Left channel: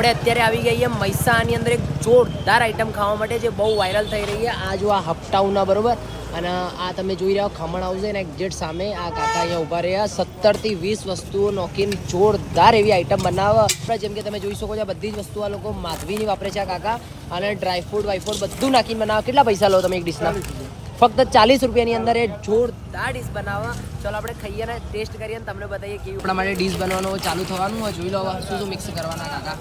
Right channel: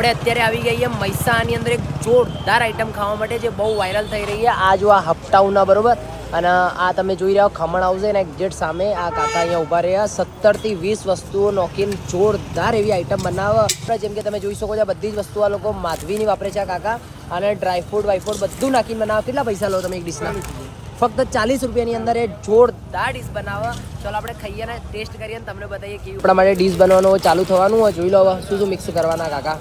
આપણે અત્યારે આવી ગઈ છે મૈસાની અંદર એક જોરદાર આઈટમ ખાવા માટે જે બહુ વાયરલ થઈ રહી છે. આ જો આ હપટાઉના બરોબર અને આ તમે જોઈ રહ્યા ખમણ હાઉસ છે ને એક્ઝેક્ટ સામે આ કાકા અહીંયા ઊભા રહ્યા 17 થી 20 વસ્તુઓ નોખીને જોરદાર એવી આઈટમ બનાવે. જેમ કે તમે જોઈ શકો છો બધી જ વસ્તુ આ લોકો માધવીની વાપરે છે આ કાકા અને ડ્રાયફ્રૂટ વાયફ્રૂટ બધું નાખીને બનાવે. કેટલા પૈસા લો તમે એક ડીશના? ફક્ત 40 રૂપિયાની અંદર એ જોરદાર ડીશ બનાવવા. ચાલો આપણે ખાઈએ ને ટેસ્ટ કરીએ ને તમને બતાવીએ કેવી આપણા માટે ડીશ બનવાનું ચાલુ થવાનું હોય. જોઈ લો શું શું મિક્સ કરવાના કાકા.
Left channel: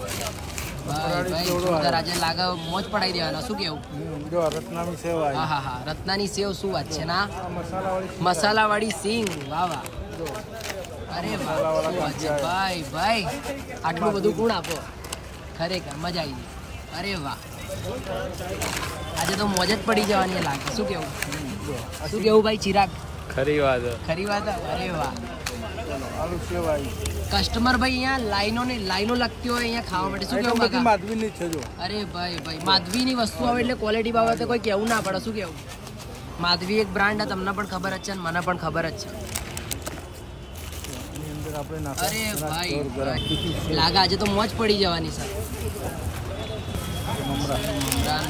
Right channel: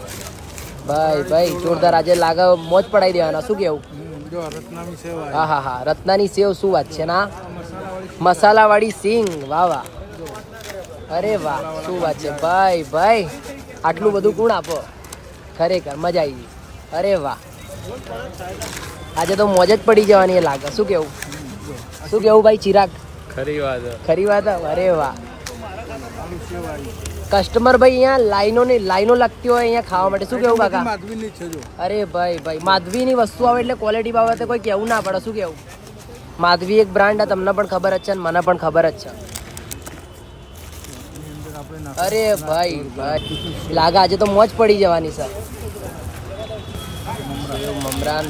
ભાઈ જોરદાર આજે લાગે મોજ પડાવી દેવાના. શું કેવું? હા હા હા રત્નાની સેવ શું વાત છે ના મસાલાવાળી સિંગ. વાહ વાહ અરે વાહ શું વાત છે ભાઈ આટલું બધું કોણ આપો ખરેખર મજા આવી ગઈ. અરે વાહ આજે તો મોજ જ પડી જવાની એ લાગે. શું કેવું ભાઈ ચિરાગ? ખરી વાત અરે વાહ કસ્ટમર ભાઈ અહીંયા લાઈનો લાગતી હોય અહીંયા ખાવા માટે. શું કેવું કાકા? માધવીની છે જો. અરે ભાઈ માધવીની વસ્તુ આવે એટલે ક્વોલિટી બાબતે કોઈ કેવું ના પડે. શું કેવું? માધવી એક બ્રાન્ડ તમને પણ ખબર જ છે અને મને પણ ખબર જ છે. અરે ભાઈ લાગે આજે તો મોજ પડી જવાની સર. મમરાન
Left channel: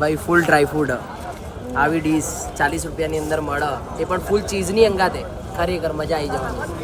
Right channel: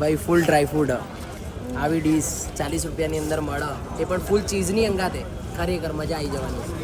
ભાઈ ફૂલ ડ્રાયફ્રૂટ આવી ડીશ 40 રૂપિયાની અંદર મળે એ પણ ફૂલ ચીઝની અંગાતે. ખરેખર મજા આવી જવાની.